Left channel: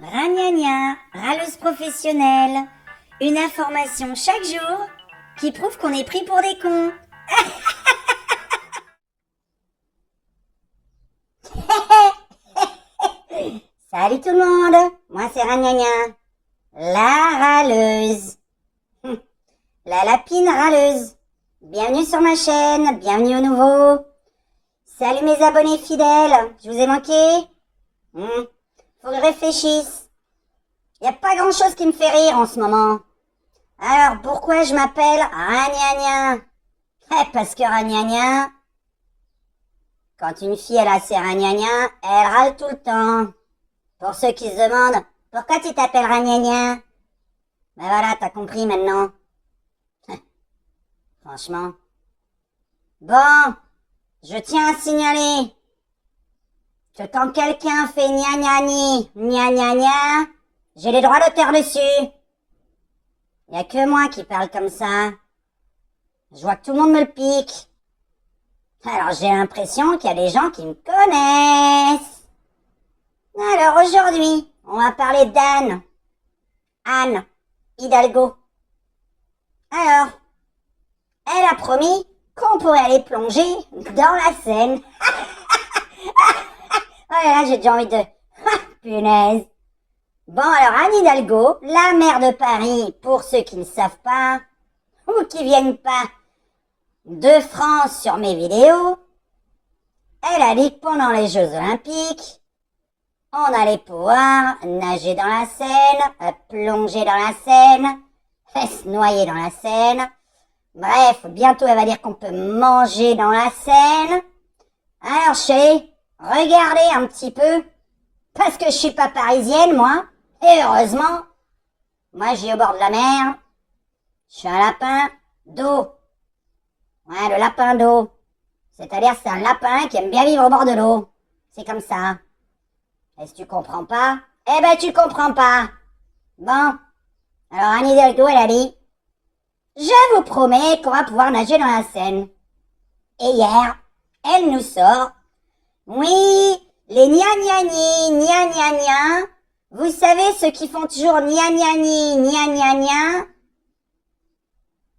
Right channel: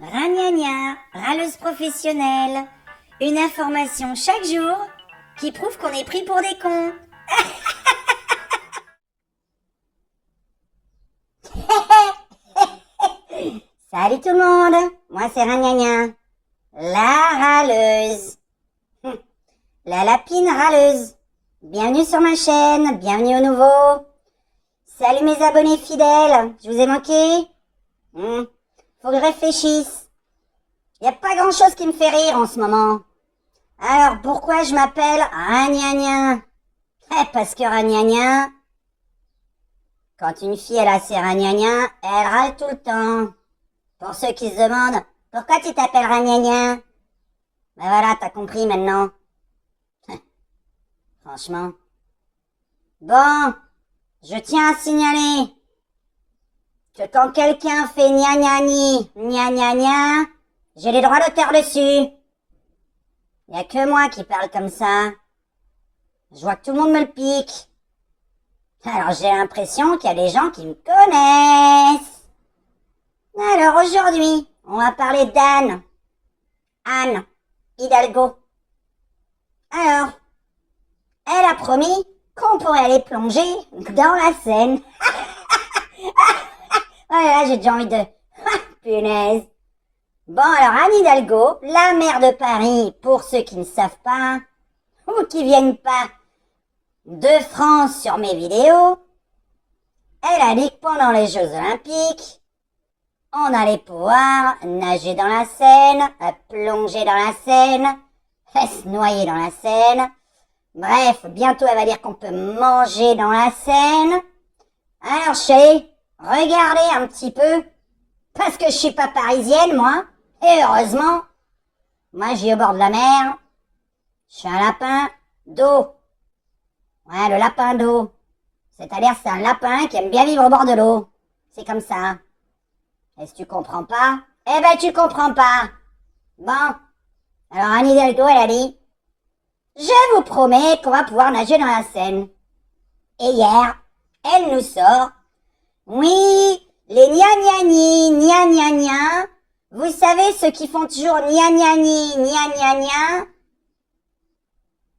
Ragnagna, râleuse professionnelle. Une information chaque jour qui prouve qu'on est pris pour des cons. Salut tout le monde, moi c'est Ragnagna, la râleuse. La lapine râleuse. Bienvenue sur ma chaîne, bienvenue au nouveau. Salut mes abonnés fidèles, je vous ai manqué? Faut que je réfléchisse. Y a pas grand chose qui me fait rire en ce moment. Alors pourquoi je m'appelle Ragnagna? Parce que Ragnagna, quand une fille elle a ses Ragnagna, elle râle tout le temps. Pour ceux qui se demandent, pourquoi tu t'appelles Ragnagna? Ben voilà, t'as compris maintenant. Franchement. Bon, je tiens à signaler que quand quelqu'un fait gna gna ni, gna gna gna, j'ai les droits d'auteur dessus. Y a que moi qui parle comme ça. Je vois que tout le monde me le pique. Alors j'ai l'impression qu'il y a des gens qui me connaissent. Alors aujourd'hui, on va parler d'Anne. Anne Hidalgo. Alors, elle a promis qu'on pourrait aller plonger dans la Seine. Ouais, là j'ai déjà envie de... Punaise. Bon, alors Anne Hidalgo, la maire de Paris, pour ceux qui ne savent pas, ou qui viennent pas de France sur mes vidéos, elle a dit que pendant les Jeux Olympiques, on allait pouvoir nager dans la Seine, plonger dans la Seine, se noyer dans la Seine. Bref, bientôt elle va dire qu'on peut manger dans la Seine. Alors je suis allée regarder un petit peu, parce que je suis pas parisienne moi, et heureusement, moi je vis au bord de la mer, je suis un lapin d'eau. Ouais, le lapin d'eau. C'est-à-dire c'est un lapin qui aime bien vivre au bord de l'eau. C'est comme ça. Et si tu comprends pas, eh ben tu comprends pas. Bon, alors Anne Hidalgo elle a dit, je vous promets qu'on va pouvoir nager dans la Seine. Et hier, elle nous sort, oui, les gna-gna-ni, gna-gna-gna, vous savez ceux qui font toujours gna-gna-ni, gna-gna-gna?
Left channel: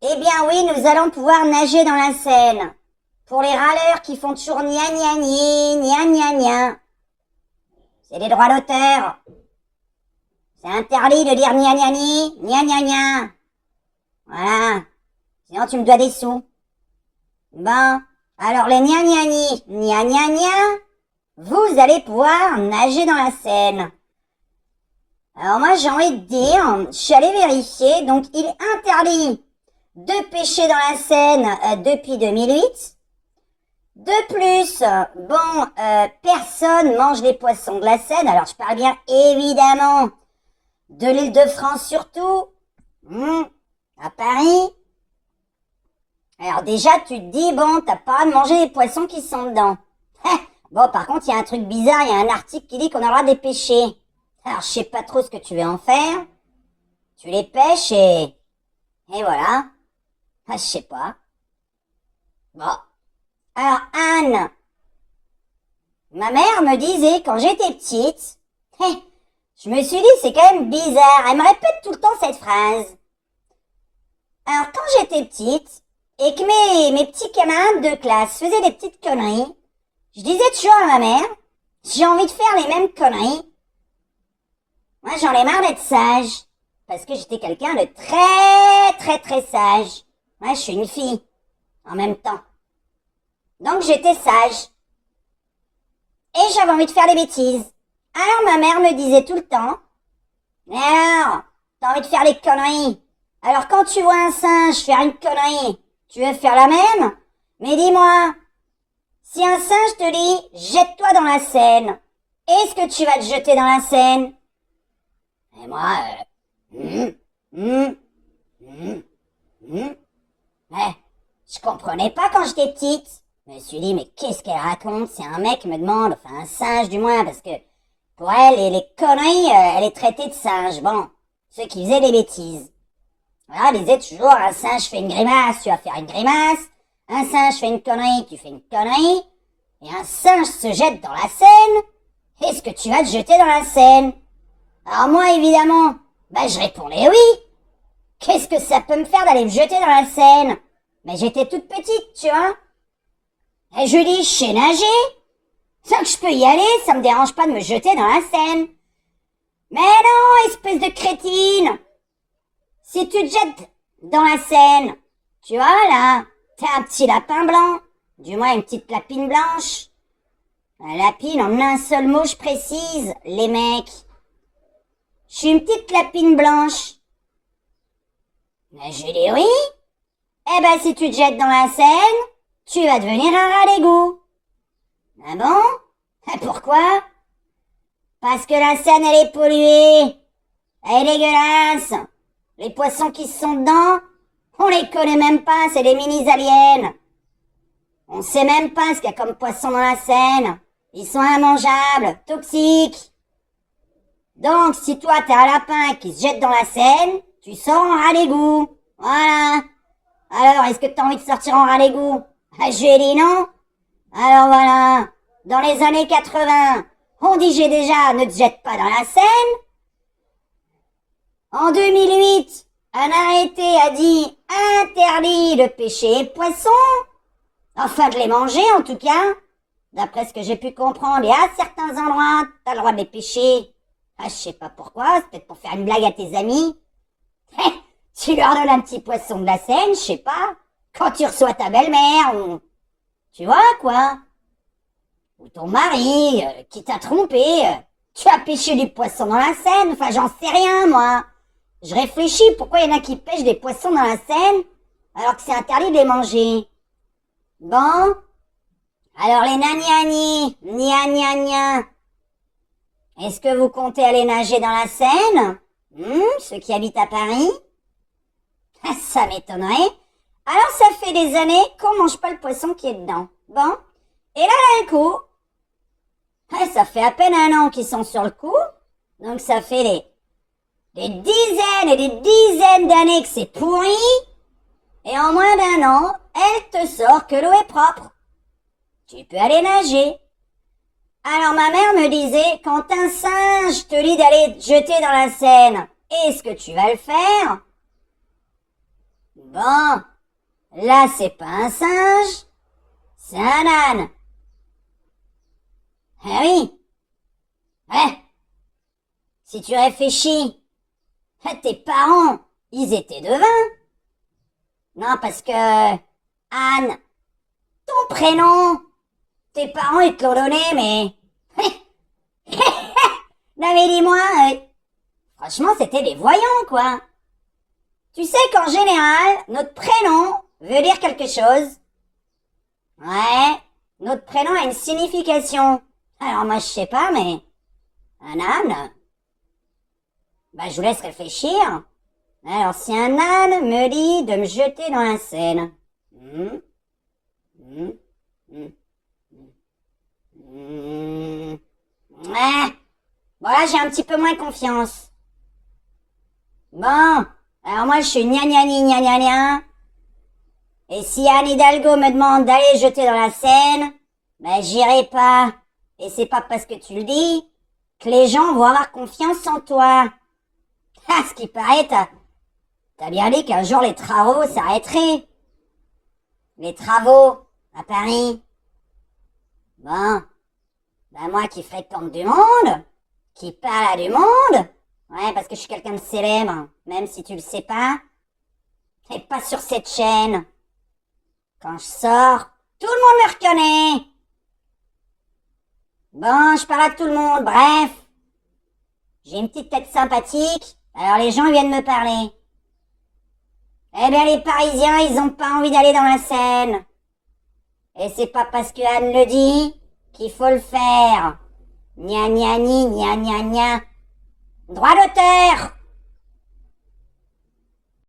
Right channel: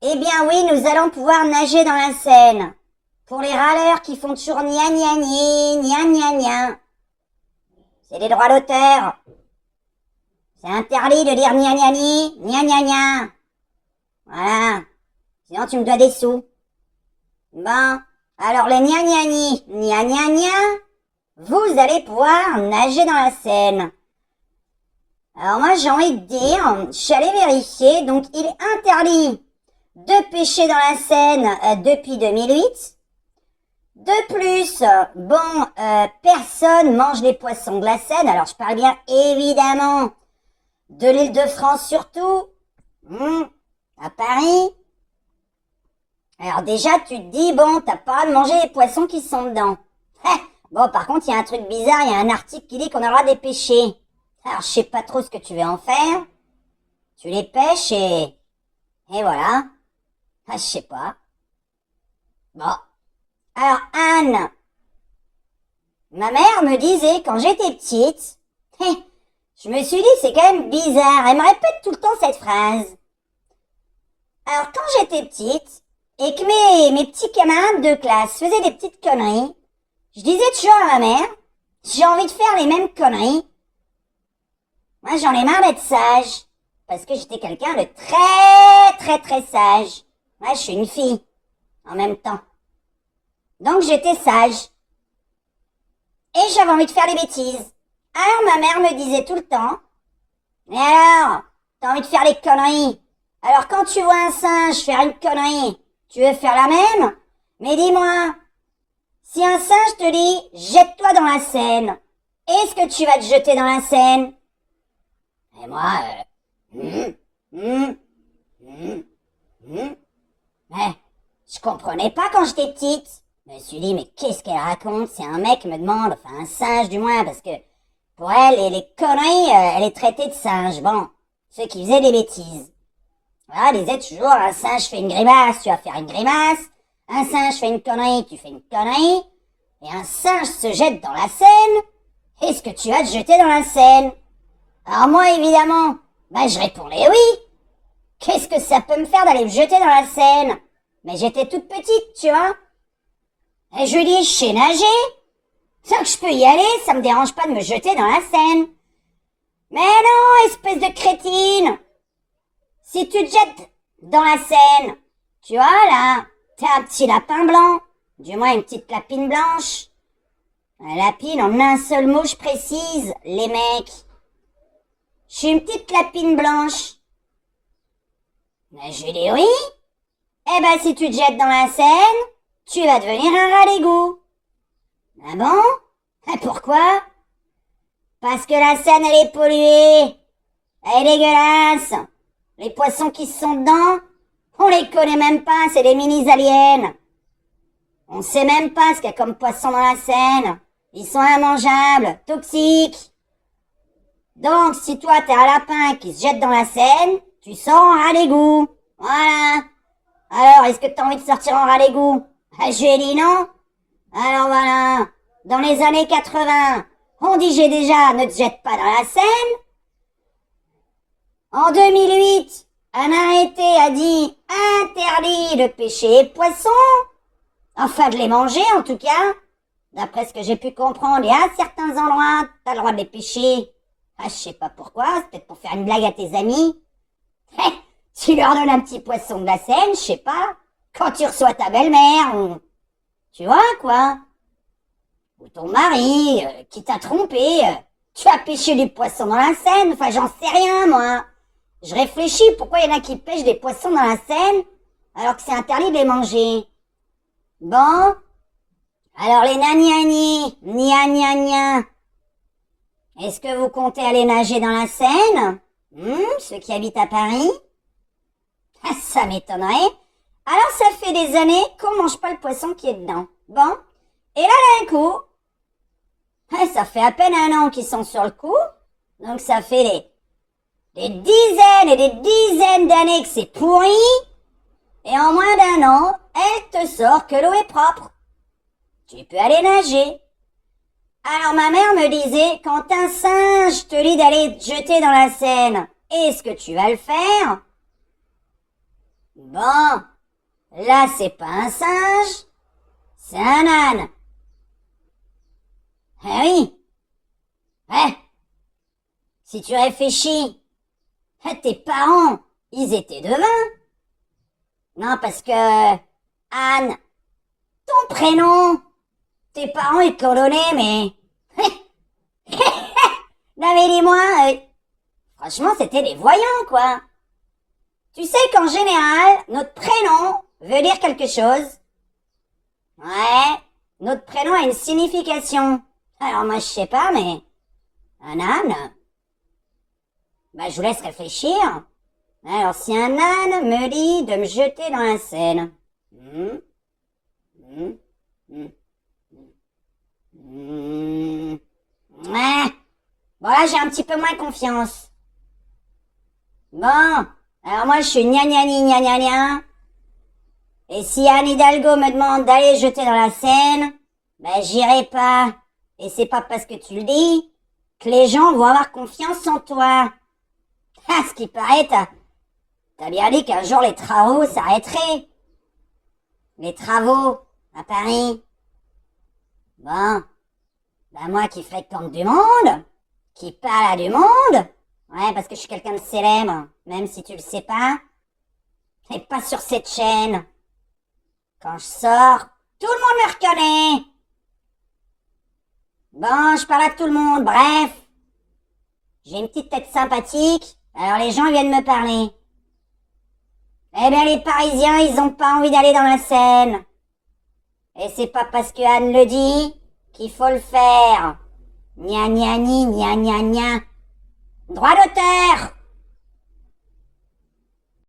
Eh bien oui, nous allons pouvoir nager dans la Seine. Pour les râleurs qui font toujours gna-gna-ni, gna-gna-gna. C'est des droits d'auteur. C'est interdit de dire gna-gna-ni, gna-gna-gna. Voilà. Sinon tu me dois des sous. Bon, alors les gna-gna-ni, gna-gna-gna, vous allez pouvoir nager dans la Seine. Alors moi j'ai envie de dire, je suis allée vérifier, donc il est interdit de pêcher dans la Seine depuis 2008. De plus, personne mange les poissons de la Seine. Alors je parle bien évidemment de l'île de France surtout, à Paris. Alors déjà tu te dis, bon, t'as pas de manger les poissons qui sont dedans. Bon, par contre, il y a un truc bizarre, il y a un article qui dit qu'on a le droit de les pêcher. Alors je sais pas trop ce que tu veux en faire. Tu les pêches et voilà. Je sais pas. Bon. Alors Anne, ma mère me disait quand j'étais petite, je me suis dit c'est quand même bizarre, elle me répète tout le temps cette phrase. Alors quand j'étais petite et que mes petits camarades de classe faisaient des petites conneries, je disais toujours à ma mère, j'ai envie de faire les mêmes conneries. Moi j'en ai marre d'être sage, parce que j'étais quelqu'un de très très très sage. Moi je suis une fille, en même temps. Donc j'étais sage. Et j'avais envie de faire des bêtises. Alors ma mère me disait tout le temps, mais alors, t'as envie de faire les conneries. Alors quand tu vois un singe faire une connerie, tu veux faire la même? Mais dis-moi, si un singe te dit, jette-toi dans la Seine, est-ce que tu vas te jeter dans la Seine? Et moi, je comprenais pas quand j'étais petite. Je me suis dit, mais qu'est-ce qu'elle raconte? C'est un mec me demande, enfin un singe du moins, parce que pour elle, les conneries, elle est traitée de singe. Bon, ceux qui faisaient des bêtises. Voilà, elle disait toujours, un singe fait une grimace, tu vas faire une grimace. Un singe fait une connerie, tu fais une connerie. Et un singe se jette dans la Seine, est-ce que tu vas te jeter dans la Seine? Alors moi, évidemment, je répondais oui. Qu'est-ce que ça peut me faire d'aller me jeter dans la Seine? Mais j'étais toute petite, tu vois. Et je lui dis, je sais nager. Ça que je peux y aller, ça me dérange pas de me jeter dans la Seine. Mais non, espèce de crétine. Si tu te jettes dans la Seine, tu vois là, t'es un petit lapin blanc. Du moins une petite lapine blanche. Un lapine en un seul mot, je précise, les mecs. Je suis une petite lapine blanche. Mais je lui dis oui. Eh ben, si tu te jettes dans la Seine, tu vas devenir un rat d'égout. Ah bon? Et pourquoi? Parce que la Seine, elle est polluée. Elle est dégueulasse. Les poissons qui sont dedans, on les connaît même pas, c'est des mini-aliens. On sait même pas ce qu'il y a comme poisson dans la Seine. Ils sont immangeables, toxiques. Donc, si toi, t'es un lapin qui se jette dans la Seine, tu sors en rat d'égout. Voilà. Alors, est-ce que t'as envie de sortir en rat d'égout? J'ai dit non. Alors voilà. Dans les années 80, on disait déjà ne te jette pas dans la Seine. En 2008, un arrêté a dit interdit de pêcher les poissons. Enfin, de les manger, en tout cas. D'après ce que j'ai pu comprendre, il y a certains endroits, t'as le droit de les pêcher. Je sais pas pourquoi, c'est peut-être pour faire une blague à tes amis. Tu leur donnes un petit poisson de la Seine, je sais pas, quand tu reçois ta belle-mère, ou... Tu vois, quoi. Ou ton mari, qui t'a trompé, tu as pêché du poisson dans la Seine, enfin, j'en sais rien, moi. Je réfléchis, pourquoi il y en a qui pêchent des poissons dans la Seine, alors que c'est interdit de les manger. Bon, alors les naniani, gna. Est-ce que vous comptez aller nager dans la Seine? Ceux qui habitent à Paris? Ça m'étonnerait. Alors ça fait des années qu'on mange pas le poisson qui est dedans. Bon, et là d'un coup, ça fait à peine un an qu'ils sont sur le coup, donc ça fait des dizaines et des dizaines d'années que c'est pourri, et en moins d'un an, elle te sort que l'eau est propre. Tu peux aller nager. Alors ma mère me disait, quand un singe te dit d'aller te jeter dans la Seine, est-ce que tu vas le faire? Bon, là c'est pas un singe, c'est un âne. Eh oui. Si tu réfléchis, tes parents, ils étaient devins. Non, parce que, Anne, ton prénom, tes parents, ils te l'ont donné, mais... Non mais dis-moi, franchement, c'était des voyants, quoi. Tu sais qu'en général, notre prénom veut dire quelque chose. Ouais, notre prénom a une signification. Alors moi, je sais pas, mais... Un âne? Je vous laisse réfléchir. Alors, si un âne me dit de me jeter dans la Seine... Bon, là, j'ai un petit peu moins confiance. Bon, alors moi, je suis gna. Et si Anne Hidalgo me demande d'aller jeter dans la Seine, j'irai pas. Et c'est pas parce que tu le dis que les gens vont avoir confiance en toi. À ce qui paraît, t'as bien dit qu'un jour les travaux s'arrêteraient. Les travaux à Paris. Bon, moi qui fréquente du monde, qui parle à du monde, ouais, parce que je suis quelqu'un de célèbre, même si tu le sais pas, et pas sur cette chaîne. Quand je sors, tout le monde me reconnaît. Bon, je parle à tout le monde, bref. J'ai une petite tête sympathique, alors les gens viennent me parler. Eh bien, les Parisiens, ils ont pas envie d'aller dans la Seine. Et c'est pas parce que Anne le dit qu'il faut le faire. Gna. Droit d'auteur.